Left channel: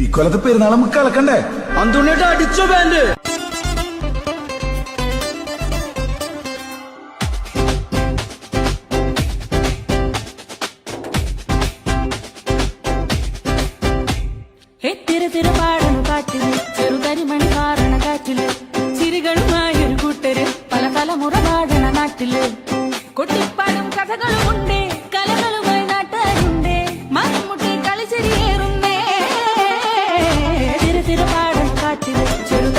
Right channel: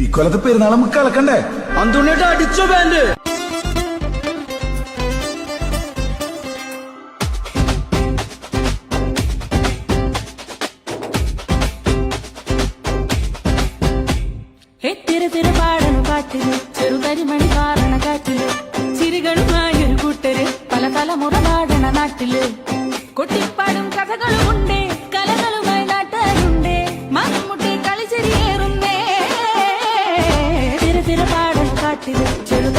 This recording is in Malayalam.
ഈ കൊല്ലത്തെ പെരുന്നാൾ നമുക്ക് കളക്കണ്ടേ? അന്തുണ്ണിട്ട് അടിച്ചോ ബാൻഡ്. പാടണ പാട്ടില് ചെറുകരിമണി പാറണ കാറ്റില് ചിരികളുമായൊരു കൂട്ടര് പല തലമുറ പാടണ നാട്ടില് കൊട്ടിപ്പാടും കഥകളുമുണ്ടേ കലകളുമായി നാട്ടുകാരുണ്ടേ മരമുട്ടി കളിച്ചെരിയേറുന്നേ തിര പാടണ കാട്ടില് ചെറു